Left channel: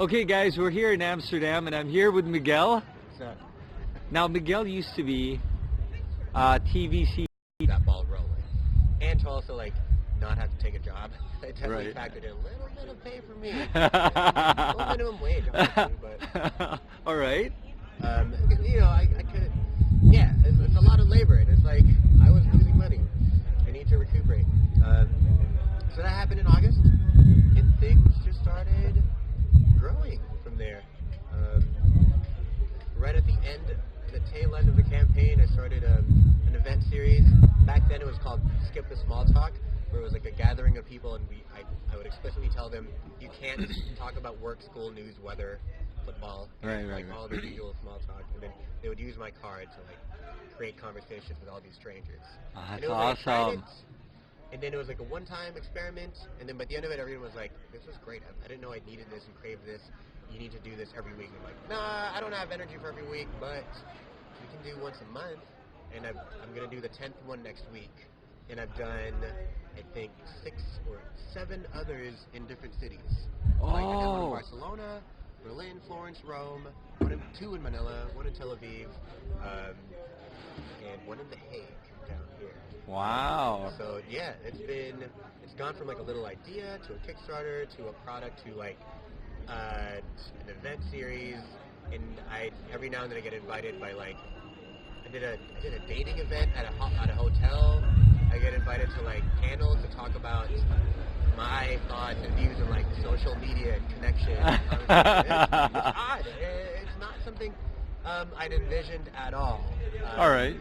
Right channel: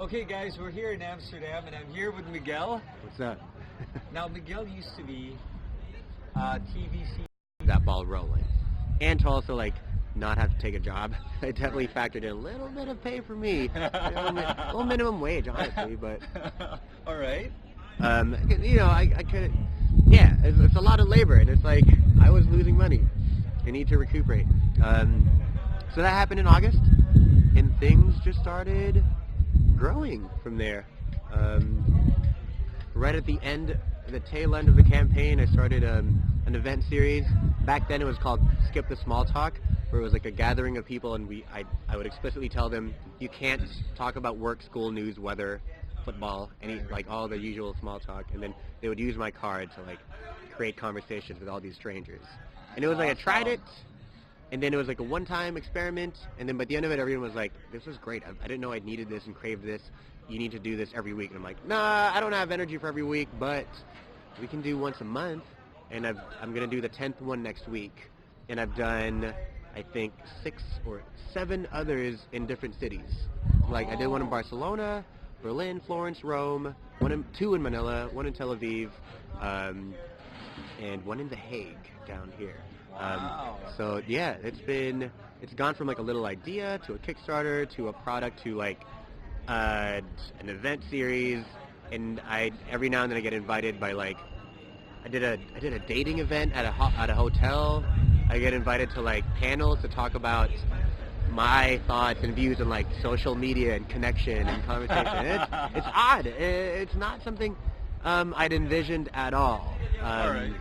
Okay, guys, we're here in Amsterdam, and I'm here with Miguel. So, now, Miguel used to be TVC. That ball rolling, and to also like not have to take a job. I definitely Right. factored in a little bit of pay for me, well, minimum wage, honestly, but All right. I could, yeah, it's a lot of labor, and it's like I was losing money. I need to recuperate. So that happened in August, and things just started growing from there. Right at the tail end of the campaign, I started an event series. Back then it was called Skip the Small Talk, where it was like a gathering of people, and I would explicitly tell them, you can't talk about work, school, news, weather, football, and Right. all the usual small talk, and then they would use my card to like create conversations with all these strangers. And it was like I tried it, and then it was like a one-time experiment, and then by the end of it, everyone was like, this was great. I didn't know I needed this and craved this. You need to do this every week. And I'm like, nah, I don't have energy for every week, but we can do once a month, and I'm going to do the 10th one next week. And I've done, I think, 6 or 7 others in different cities. Like, I did one in Oh. Barcelona, Berlin, Florence, Rome, 2 in Manila, 1 in Tel Aviv, and 1 in The Hague down here. Wow. So yeah, it's gone from like a little idea to a Kickstarter to a product to like an event series, and every now and then I get invited by like I did a dating event at a hotel. I get invited to like panels to talk about my thoughts and views on like social media and connection and conversation. It's odd. It's not something I'd envisioned at all. All right.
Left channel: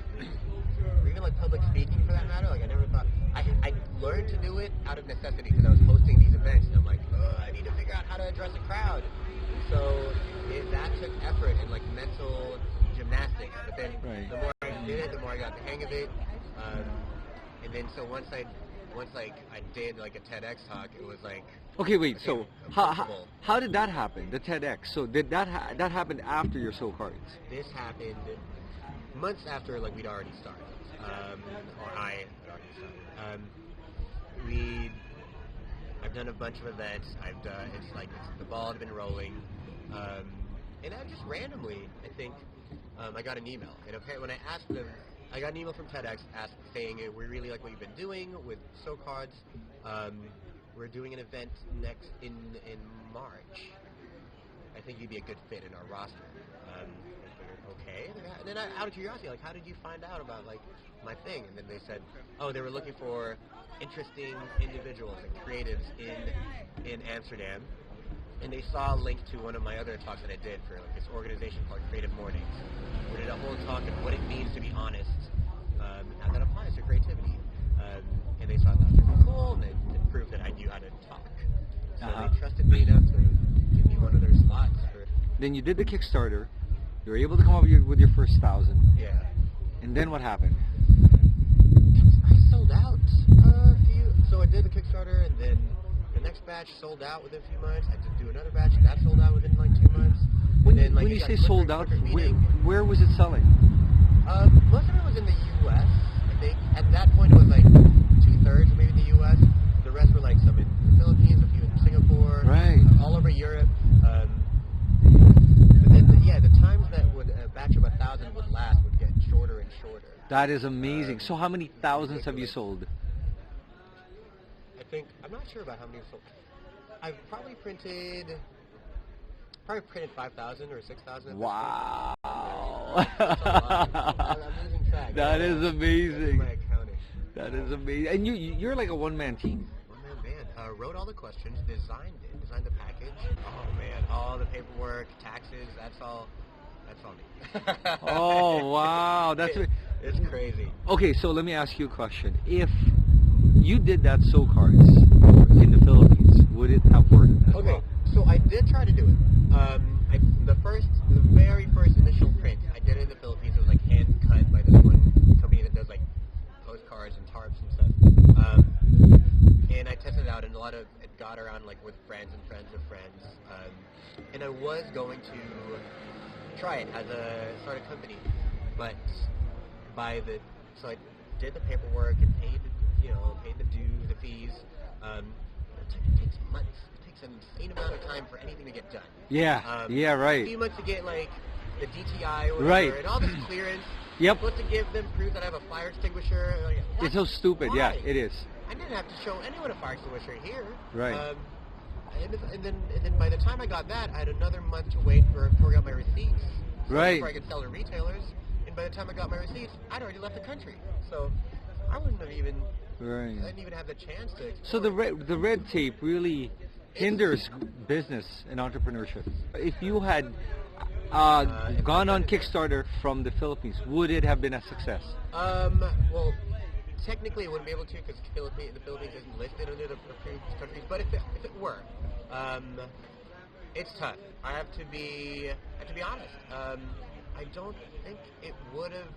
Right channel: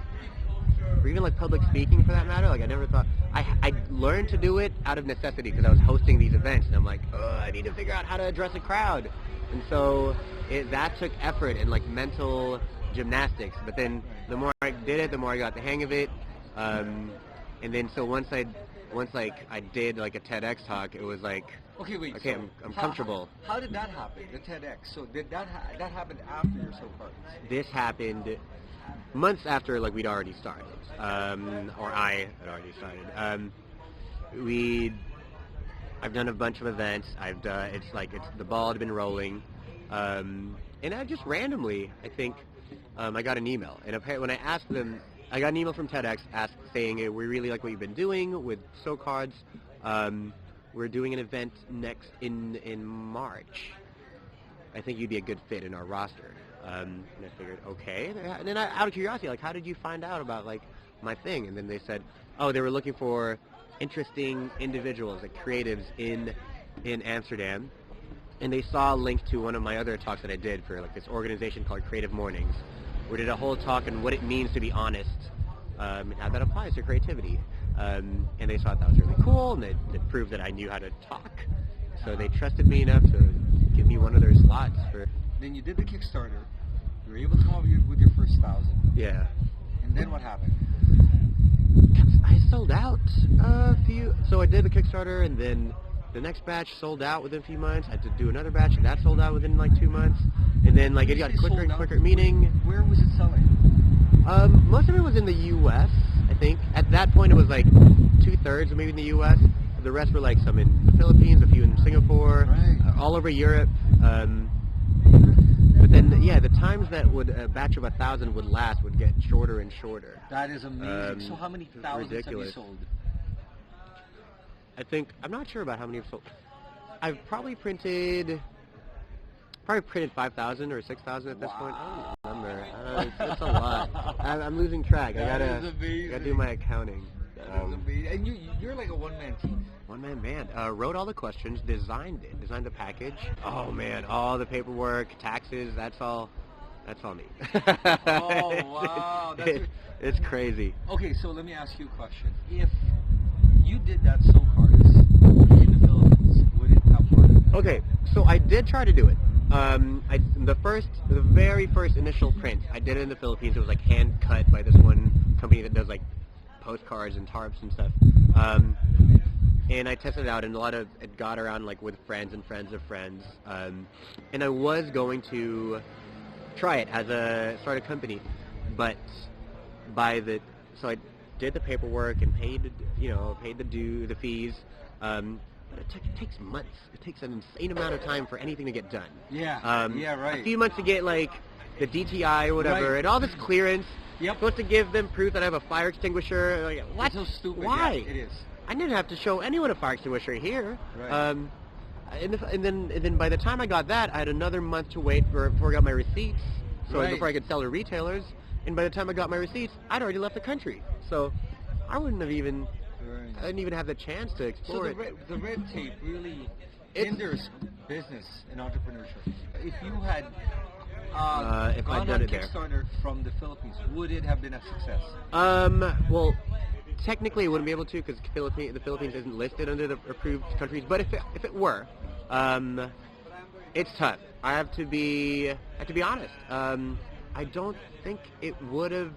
Or even like public speaking for that matter. Like I never thought, I learned to do it out of necessity because I was hosting these events, and I'm like, I need to figure out how to address a crowd. And so that took effort and like mental gymnastics. But then the more I did it, the more I got the hang of it. And then so once I did like a TEDx talk, it was like, Okay, wait. okay, So, I'm comfortable. how did that happen? The TEDx. So, did that happen after your So Cards? This happened months after like we'd already started, or I had already started. I've done a bunch of events. The ball had been rolling, and I just randomly, I think, I got an email, and when I asked them, I got an email from TEDx saying, we really like what you've been doing with So Cards. We're doing an event next in March. I think you'd be a good fit in our roster. And I figured, okay. And then out of curiosity, like, how did you find out about like my thing? And then they said, oh, they were looking for interesting individuals, like creatives in Amsterdam. And they saw a link to one of my other talks that I did for like this organization called Creative Mornings. We did a whole talk on what it means to be honest, and how that applies to creativity. And they thought that was really cool, and it proved that I knew how to talk. So they trusted me enough to give me one of their slots for. Then you did the Kickstarter. You were able to come up with your first 1,000. Yeah. And then what happened? I sold out a few. So I did the Kickstarter, and then the next batch sold out within a few months. I had to do another batch, and that sold out within like 2 months. And then like when it you got say quicker sold and out, quicker. Meaning, where was it selling? most of it was in the U.S. I think at that point it was like 2/3 maybe in the U.S. The rest were like some in the Philippines, a few in Singapore, Right. All over Europe. But then, yeah, the times that a batch of 1,000 would last would get shorter and shorter. That is amazing. So how many it's thousands have you ridiculous. sold? I think, I'm not sure about how many I've sold. I've probably printed 5,000 or 6,000 at Wow. this point. It's a lot. I'm losing track. That is Gotta do amazing. my accounting. That is amazing. And you're like a one-man team. One-man band. Wrote all the questions, designed the package. Oh man, all the paperwork, taxes, that's all me. Oh, wow. It's crazy. Okay, so let me ask you a question. If you did that So Cards in the Philippines, would it have worked? Okay, so I did try to do it. The very first initial print, I did it in the Philippines. It was like hand cut by this one company that does like postcards and tarps and stuff. And I tested it out, and it got around like with friends and friends of friends. And I was going to try it start a company, but so I did the paperwork and paid the fees. but it takes months. It takes an insane amount of time for anything to get done. Yeah, yeah, A right. few months to get like the DTI or whatever, Right. and all this clearance. Yep. Supposed to give them proof that I have a fire extinguisher. Like, what? It's so stupid. Why? Yeah, it is. I didn't have to show anyone a fire extinguisher here. Right. And then by the time I got that, I had another month to wait before I got my receipts. So Right. before I could sell to retailers. And by the time I got my receipts, I'd already left the country. So I wouldn't have even. Right. I didn't even have the chance to So explore. the red tape really hinders business and entrepreneurship. If you had If I'd gone done on it there. Kickstarter from the Philippines, would it have been a success? Well, technically, I wouldn't be able to because the Philippines isn't listed under the approved countries. But if it were, it's tough. I have to be honest. I don't think it would have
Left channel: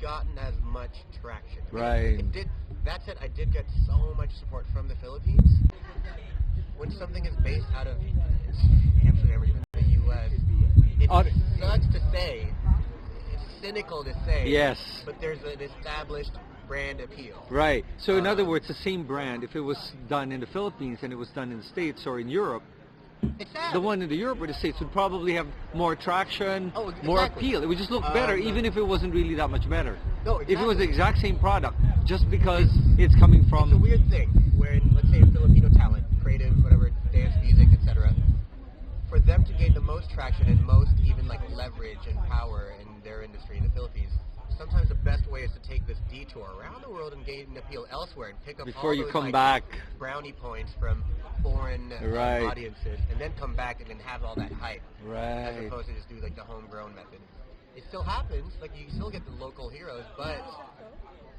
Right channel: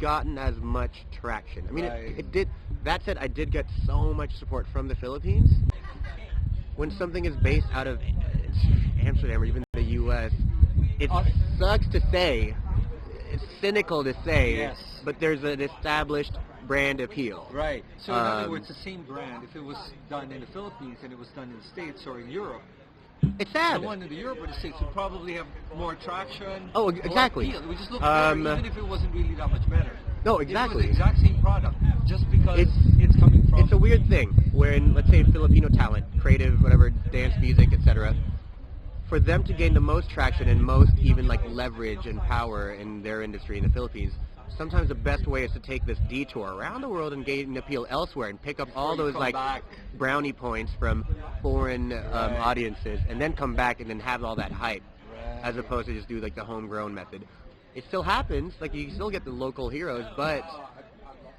gotten as much traction. I mean, Right. it did. That said, I did get so much support from the Philippines. When something is based out of Amsterdam or even the U.S., it sucks to say. It's cynical to say. Yes. But there's an established brand appeal. Right. So in other words, the same brand, if it was done in the Philippines and it was done in the States or in Europe, It's sad. the one in the Europe or the States would probably have more traction, Oh, more exactly. appeal. It would just look better, even if it wasn't really that much better. No, If it was exactly. the exact same product, just because It's- it's coming from... It's a weird thing when, let's say, Filipino talent, creative, whatever, dance, music, etc., for them to gain the most traction and most even like leverage and power in their industry in the Philippines, sometimes the best way is to take this detour around the world and gain appeal elsewhere and pick up Before all you those come like back. brownie points from foreign Right. audiences and then come back and then have all that hype Right. as opposed to just do like the homegrown method. It still happens, like you still get the local heroes, but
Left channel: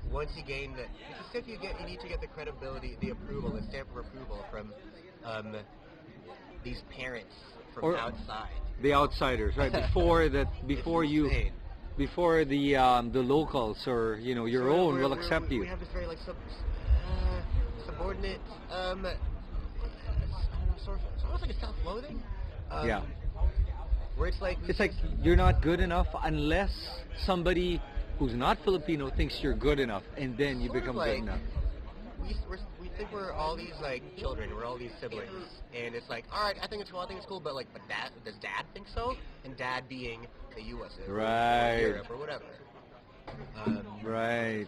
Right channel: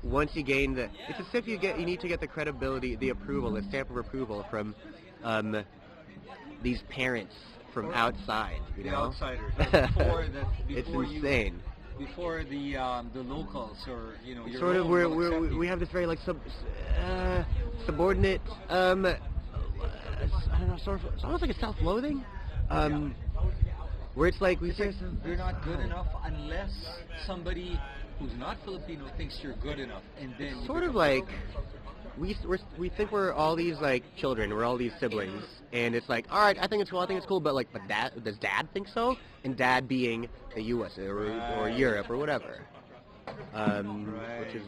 once you gain it's as if you need to get the credibility, the approval, the stamp of approval from these parents from Or outside. you The know? outsiders, right? Before that, before It's you, insane. before the locals or your So own will accept you. we have this very like subordinate. I don't know, sort of. It's almost like a self-loathing. Yeah. Where it's like It's like you're not good enough unless somebody who's not Filipino thinks you're good enough, and then you sort become of like good enough. we think we're all these like children, we're all these siblings, and it's like, all right, I think it's cool, but like, but does dad think so? And dad being the U.S. or Right. Europe or whatever. Right. which is-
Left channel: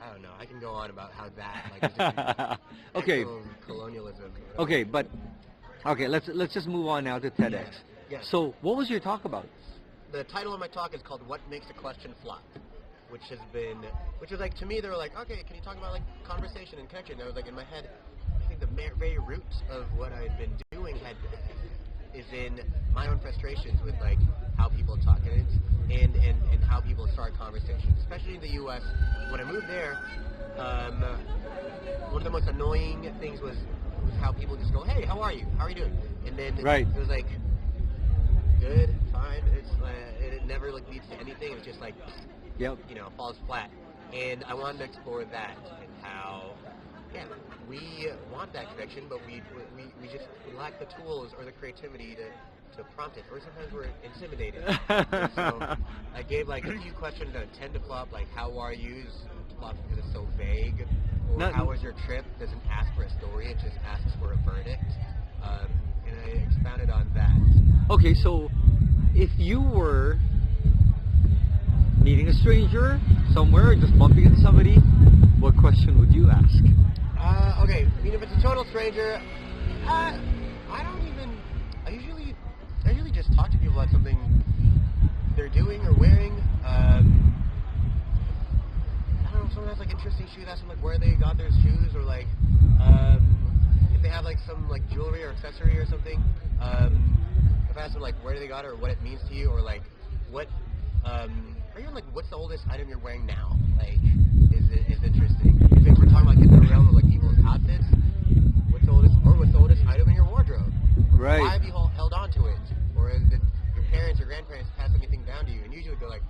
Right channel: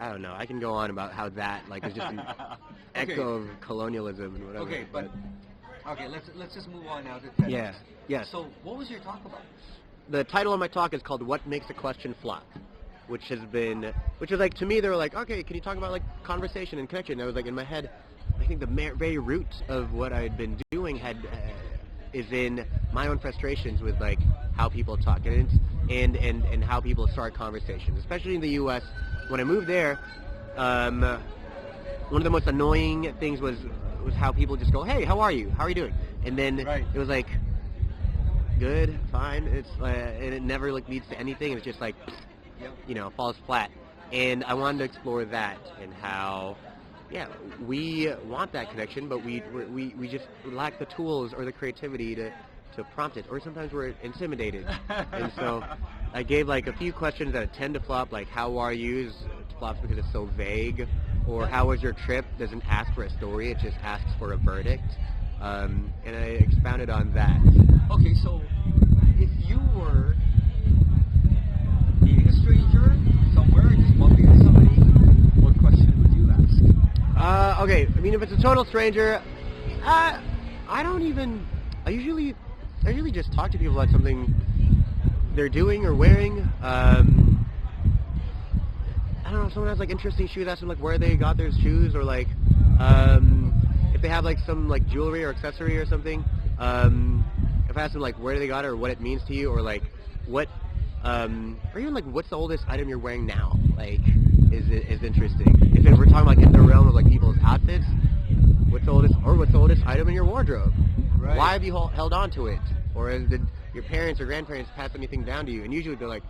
I don't know. I can go on about how that like is just an Okay. echo of colonialism and whatever. Okay, but okay, let's just move on now to TEDx. Yeah. Yeah. So, what was your talk about? The title of my talk is called "What Makes a Question Flop," which is like, to me, they were like, okay, can you talk about like conversation and connection? And I was like, in my head, I think the very root of what I had been doing is in my own frustrations with like how people talk and how people start conversations, especially in the U.S. When I moved there, one of the most annoying things was how people just go, hey, how are you? How are you doing? And then Right. it was like, good, fine. It's and it never like leads to anything. It's just like, Yep. falls flat. And I wanted to explore that and how, yeah, we want that connection, but we just lack the tools or the creativity to prompt it, or sometimes we're intimidated. And so I gave like a few questions that tend to flop, like how are you? It flops because it's so vague, or That- how was your trip? Doesn't ask for a story, it just asks for a verdict. And I expounded on that. Okay, so if you were meeting a stranger somewhere, just bumping into somebody, what question would you ask? Okay, I mean, if it's a total stranger, I usually just talk to people about something they're doing or wearing. I don't know, if someone has like interesting shoes, ask them like where they got their shoes, or like if they have like some like jewelry or accessory or something. If I ask them like where they got it or what it means to you, or like what, or even like what's the oldest item you're wearing now, like is interesting. If we're talking like in the realm of like people's outfits, what's the oldest item in your wardrobe? Right. Why have you held on to it? Or did your parents or grandparents pass anything down to you? And usually they're like,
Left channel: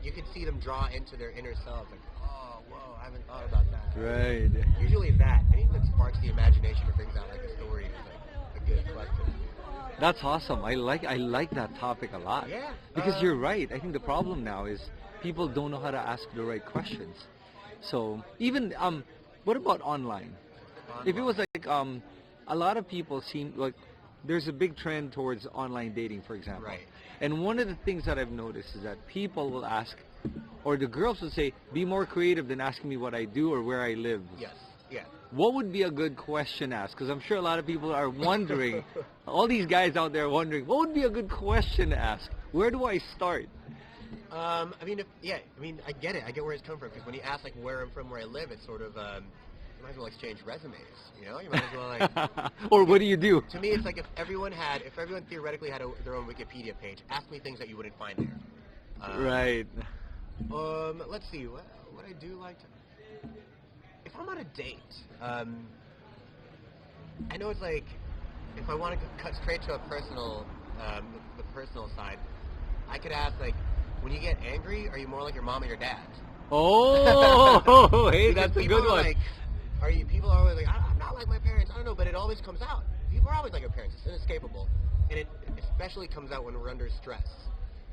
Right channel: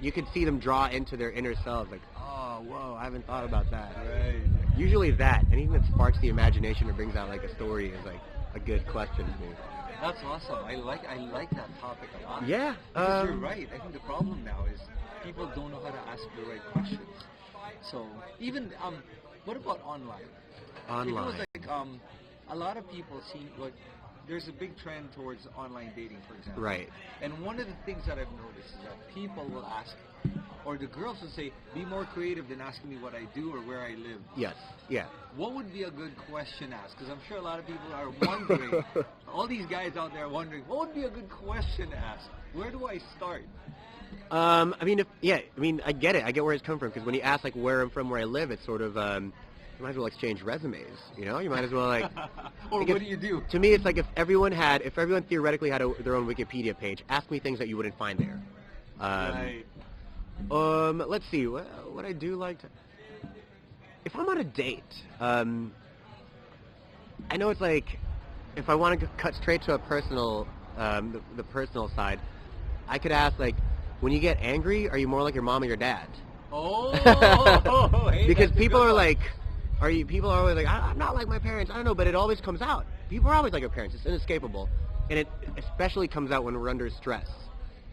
you could see them draw into their inner selves, like, oh, whoa, I haven't thought about that. Right. Usually that, anything that sparks the imagination or brings out like a story is like a good question to me. That's awesome. I like that topic a lot. Yeah. Because you're right. I think the problem now is people don't know how to ask the right questions. So even what about online? If it was like a lot of people seem like there's a big trend towards online dating, for example. Right. And one of the things that I've noticed is that people will ask, or the girls will say, be more creative than asking me what I do or where I live. Yes. Yeah. What would be a good question to ask? Because I'm sure a lot of people are wondering, all these guys out there are wondering, what would be a good question to ask? Where do I start? I mean, I get it. I get where it's coming from, because when you ask like where I'm from, where I live, it's sort of you might as well exchange resumes. You know, you might as well like. Or what do you do? To me, it's like if everyone theoretically had their own Wikipedia page, ask me things that you wouldn't find there. Right. Let's see. What I do like to. If I'm on a date, I know it's like if I want to cut straight to a personal, the personal side, I could ask like, when you get angry, are you more like your mom or your dad? Oh, hey, because that's a people good are one. like, people are always like, I'm not like my parents. I don't know, but it always comes out. People are always like their parents. It's inescapable, and it especially comes out when we're under stress.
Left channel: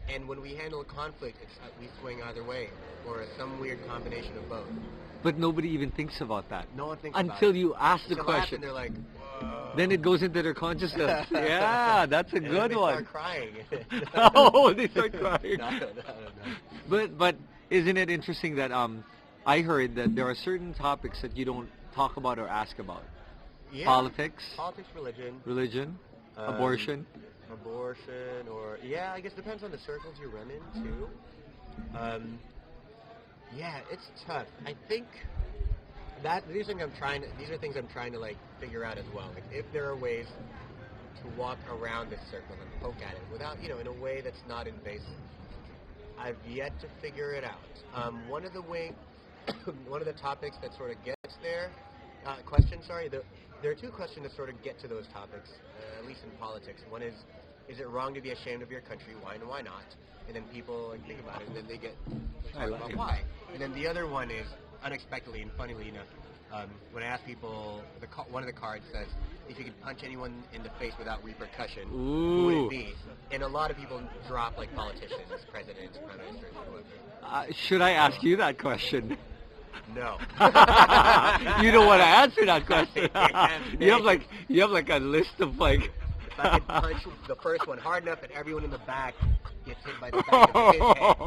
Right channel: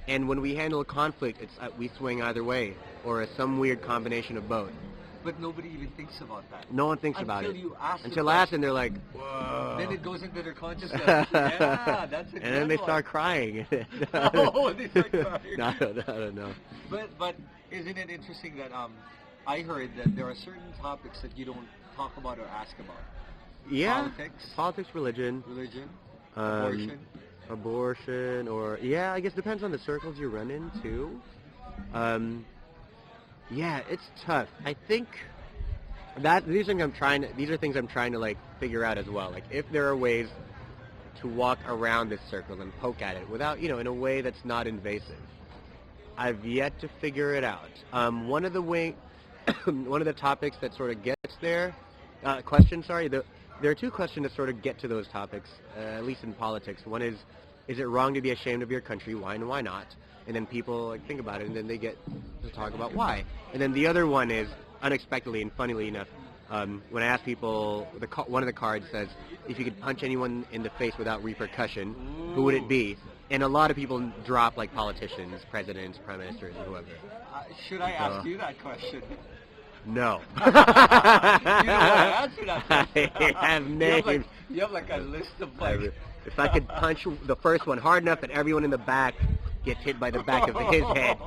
And when we handle a conflict, it's we swing either way, or some weird combination of both. But nobody even thinks about that. No one thinks about it. Until you ask the Until question. after, and they're like, whoa. Then it goes into their consciousness. Yeah, that's a good And then they one. start crying. Oh, they start crying. No, I don't know. But isn't it interesting that I heard that there are certain topics that you don't talk about or ask about? Yeah. Politics, religion, abortion, or I guess depends on the circles you run into. Yeah, it's tough. I think that these are things I'm trying to like figure out as well. Like if there are ways to walk around this circle and poke at it without, in a way that's not invasive. I've yet to figure it out. One of the topics that sort of gets there, there are two questions that sort of get to those topics, at least in politics. One is it wrong to be ashamed of your country? Why and why not? And then people like think about it, and then they get to talk about why. And then the other one is, unexpectedly and funnily enough, when I ask people, one of the cards says, if you could punch anyone in the face without repercussion, who would it be? And a lot of people drop like politicians, presidents, prime ministers, or whoever. Should I ask you that question? No. You don't want to answer that question. You have like a list of like. If I could punch the first one hard enough that everyone in the back gets hit by the back of his head.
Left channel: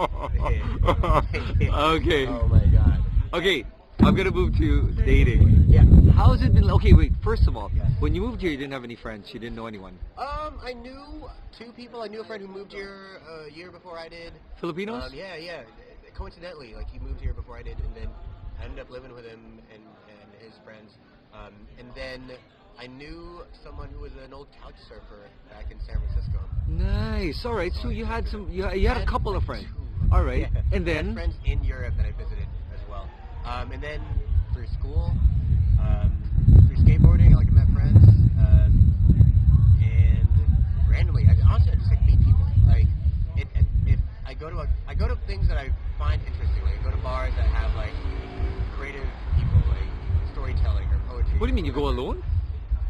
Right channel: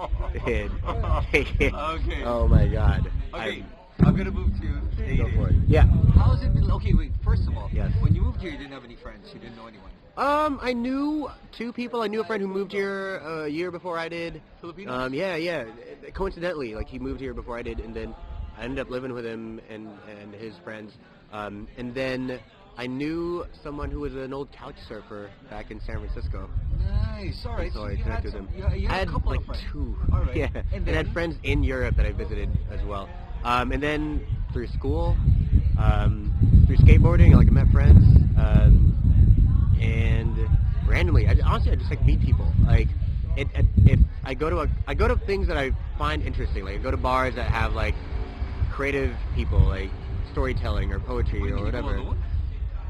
Okay. Oh my God. Okay, I'm gonna move to dating. Yeah. How's it been? Okay, wait. First of all, yes. When you moved here, you didn't have any friends. You didn't know anyone. I knew two people. I knew a friend who moved here a year before I did. Filipinos? Yeah. Coincidentally, like he moved here before I did, and then I ended up living with him and his friends. And then I knew someone who was an old couch surfer back in San Francisco. Nice. All right. So you had some. You had a couple like of friends. Two. All right. Yeah. And then I had friends in Europe that I visited as well. And then through school, through skateboarding, like I met friends. And randomly, honestly, I just like meet people. Like, if I go to things that I find interesting. Like I go to bars that have like creative people, like storytelling or poetry. What do you mean? You whatever. go alone?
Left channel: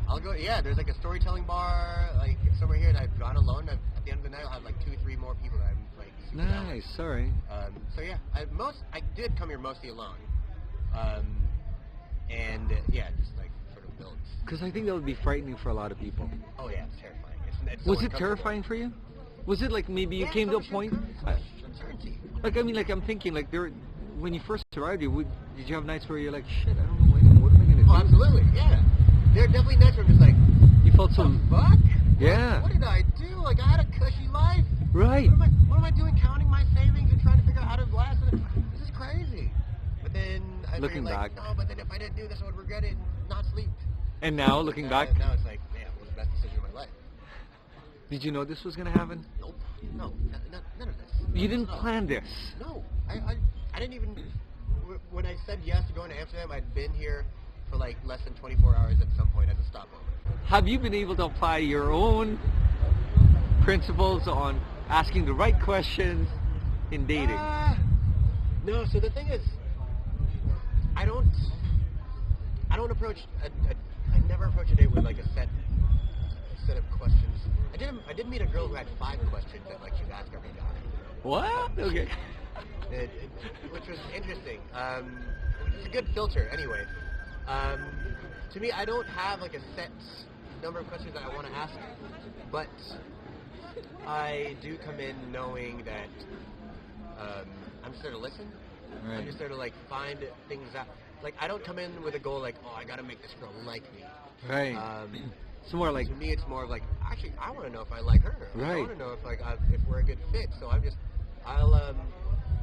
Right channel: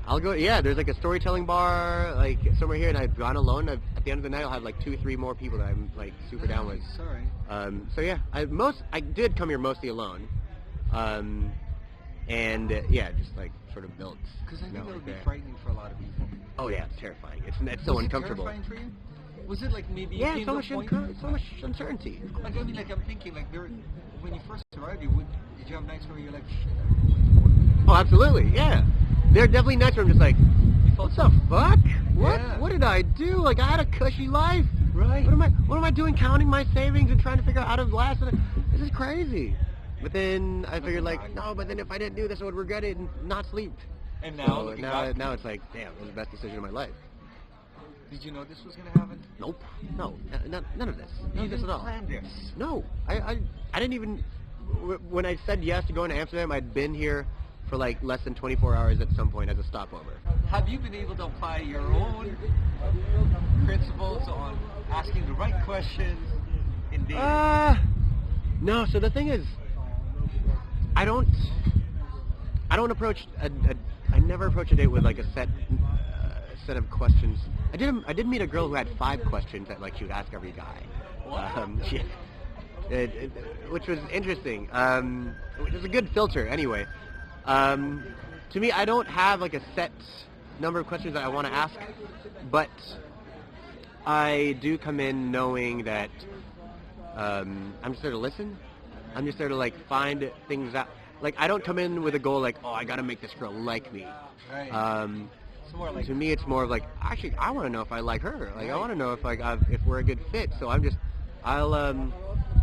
I'll go. Yeah, there's like a storytelling bar like somewhere here, and I've gone alone. At the end of the night, I'll have like 2-3 more people that I'm like super down with. Sorry. So yeah, I did come here mostly alone. And just like sort of built. Because I think that would be frightening for a lot of people. Oh yeah, it's terrifying. It's so Was it uncomfortable. terrifying for you? Was it like maybe you came to a point? So much uncertainty. Like I mean, like I'm thinking, like when you first arrived, did you have nights where you're like, shit, I don't know what am I gonna do? Oh, absolutely, yeah. There are definitely nights where I'm just like, you felt what the fuck? Yeah. What did I do? Like I had a cushy life. Right. What am I doing? Counting my savings and trying to figure out how to last. This is crazy. But then I figured like, no, but then if I didn't do this, I would regret it and not sleep. And now, looking back, now it's like, damn, it was the best decision of my life. Did you know this was gonna happen? Nope. No, none of this. You didn't plan this? No, I didn't even. When I said yes to going to Amsterdam, I'd been here for like less than 24 hours at some point as a stopover. Have you been able to apply your own principles on asking the right questions in dating? No. So the thing is, I don't approach I never approach a date with like a set of questions. I did meet a girl who had 5 questions that like she would ask every guy. What? Okay. Which was interesting. Which is a good filter anyway. to me, I don't have like a set number of questions that I want to ask, but I do come in knowing that I'm just there to listen. Right. I'm just there to like find things out. Like I don't come in with a goal like, oh, I gotta make this girl like me. Right. It's more like, to me, it's more of like, actually, I want to know if I like her. Like, I Right. want to know if if we're a good fit. So I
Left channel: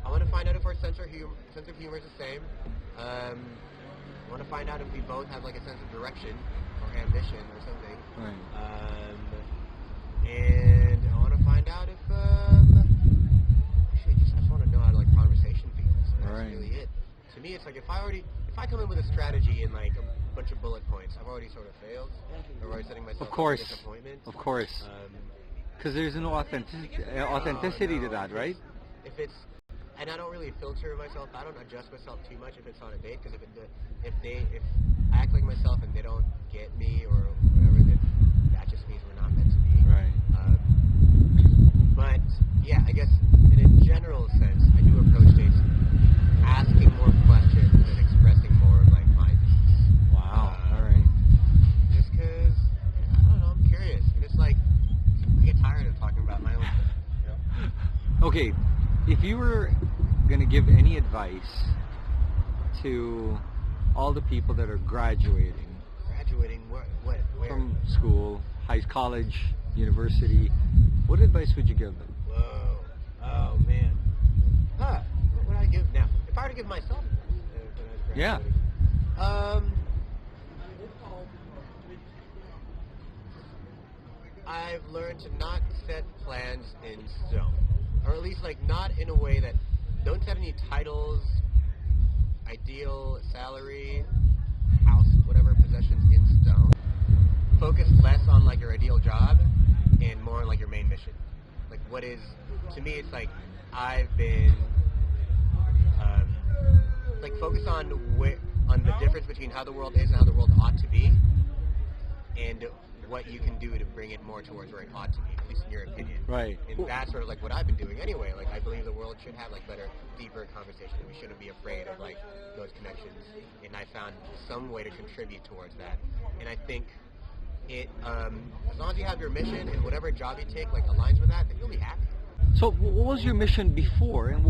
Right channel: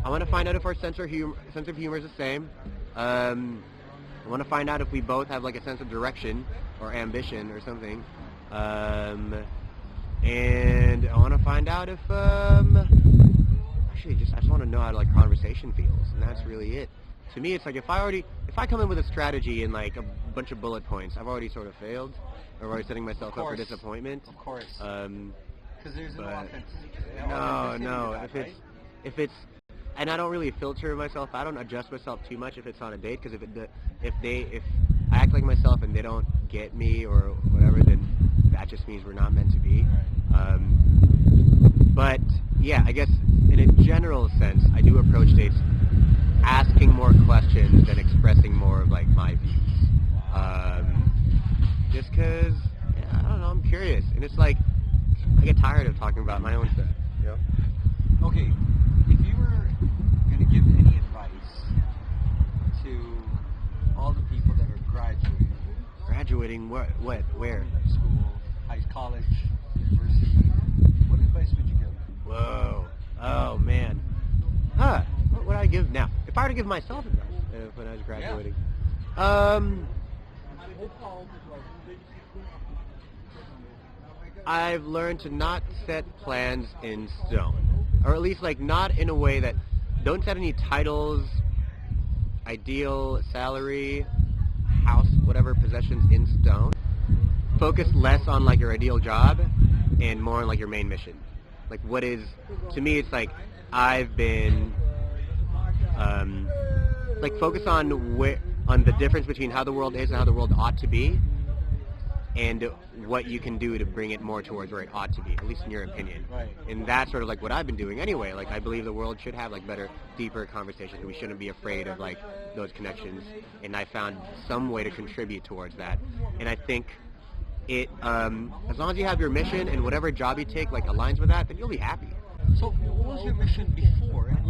want to find out if our sense of humor is the same. I want to find out if we both have like a sense of direction or ambition or something. Right. And I want to find out if actually I just want to know how like conversation feels, and that's Right. really it. To me, it's like if I come in with a strategy and like a bunch of bullet points, I've already sort of failed. I'm already setting myself up for disappointment. Of course. Because there's no but- authenticity No, to that, right? If it's, and I don't really filter myself. I don't adjust myself too much if it's on a date. Because if I act like myself and they don't get me or whatever, then that just means we're not meant to be. Right. But yeah, I guess in a general sense, I do approach dates asking more questions and expressing more of like my views. Wow. Right. Just because, I don't know, I'm curious. And it's like, I get tired of talking about my own stuff. You know? Okay, if you were going to give any advice to all the people that are graduating Graduating, where? from school, college, university, what advice would you give them? Whoa. Oh, man. What would I give now? If I were to give myself advice when I was graduating. I've learned to not set plans in stone. Or at least like not in a way that, don't set any titles, ideal, salary, house, whatever, possessions in stone. Focus less on like your ideal job and more on like your main mission. Like what is, to me it's like I've been like focus on the difference between how the world is and how the world ought to be, and what you can do to bring it more towards where it ought to be, at least in your opinion. Right. And that's sort of like what I've been doing anyway. Like I believe the world should have like better, deeper conversations, and we shouldn't be afraid of like those connections. And I found some way to contribute towards that. And I think it, as long as you have your mission and whatever job you take like aligns with that, then you'll be happy. So what was your mission before, and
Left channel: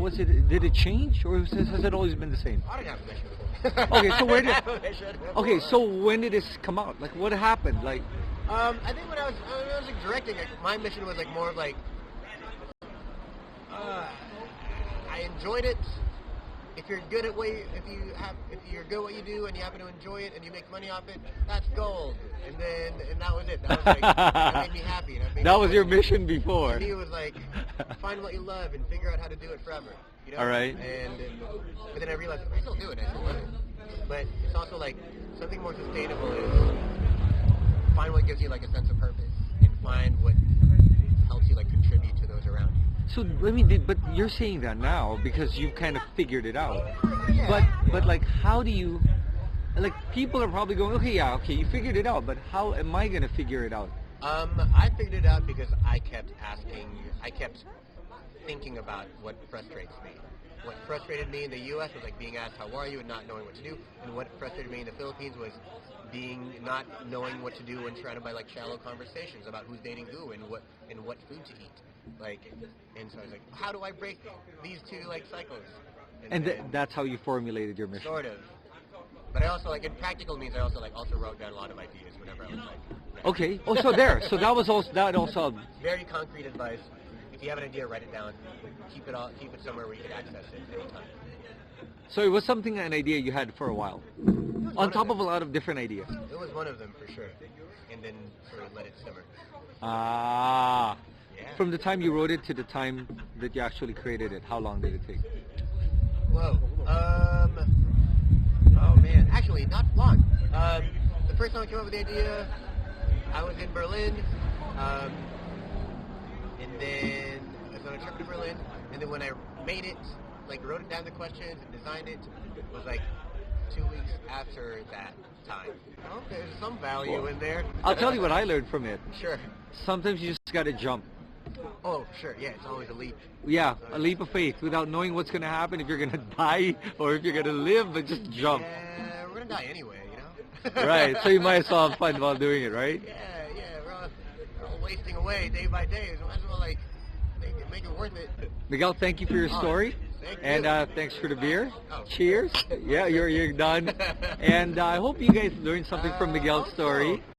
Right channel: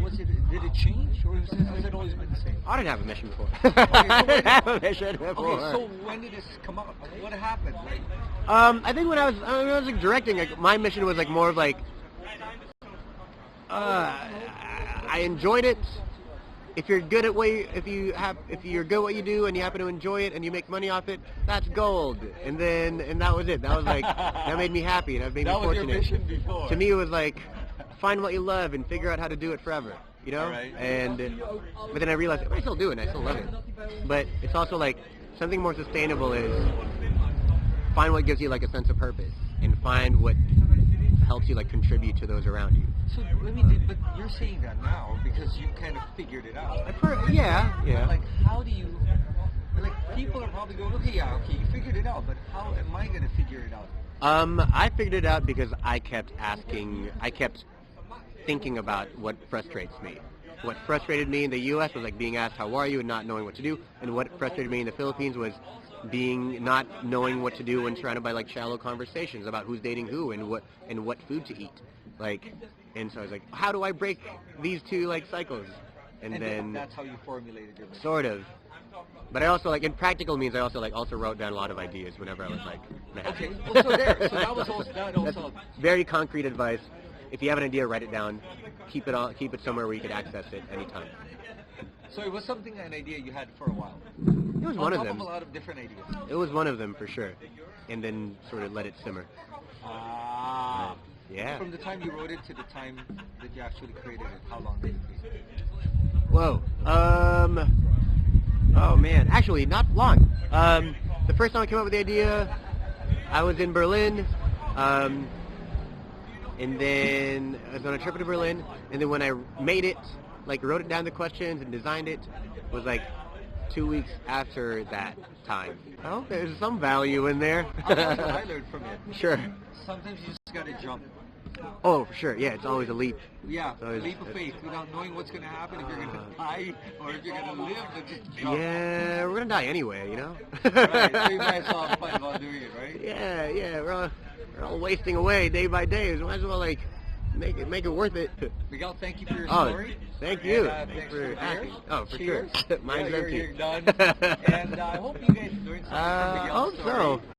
did it change, or has it always been the same? I didn't have a mission before. Okay, so I when didn't have a mission before. Okay, so when did this come out? Like, what happened? Like, I think when I was like directing, like my mission was like more of like, I enjoyed it. If you're good at if you're good at what you do and you happen to enjoy it and you make money off it, that's gold. And that was it. That was like, that made me happy, and that was your mission before. To me, it was like, find what you love and figure out how to do it forever. You know? All right. But then I realized I still do it. I still love it. But it's also like something more sustainable is find what gives you like a sense of purpose and find what helps you like contribute to those around you. So but you're saying that now because you kind of figured it out. Yeah. But like, how do you? Like, people are probably going, okay, you figured it out, but how am I gonna figure it out? I figured it out because I kept thinking about what frustrates me. What frustrated me in the U.S. was like being asked, how are you, and not knowing what to do. And what frustrated me in the Philippines was not knowing what to do when surrounded by like shallow conversations about who's dating who and what food to eat. Like, and so I was like, how do I break these two like cycles? And then that's how you formulated your mission. Sort of. But I also like, in practical means, I also wrote down a lot of ideas whenever I was like, mad. Okay. Oh, so there. So that was also That's very concrete advice. If you have an idea, write it down. Keep it somewhere where you could access it anytime. So it was an idea you had for a while. It was On one top of of them. a lot of different ideas. It was one of them for sure, and then sort of let it simmer. Ah. Yeah. From the time you wrote it to the time that you actually created it, how long did it take? Whoa. Oh man, actually not long. The first time I came up with the idea, I was in Berlin, and then I was on a trip to Berlin, and then when I made it, like wrote it down the questions and designed it, was like 2 weeks after that time. Oh, there's some value in there. I'll tell you what I learned from it. Sure. Sometimes you just gotta jump. Oh, for sure. Yeah, it's always a leap. Yeah, So a leap of faith without knowing what's going to happen, if you're going to die or if you're going to live, but just jump. Yeah, we're gonna die anyway, you know. Right, so you might as well have fun while doing it, right? Yeah. We're all wasting away day by day. So might as well like make it worth it. Miguel, thank you for your Oh, story. thank you. And thanks for the beer. Oh, for Cheers. sure. Yeah, Mine's you're empty. done. And I hope you guys learned something from Miguel's Hope story. so.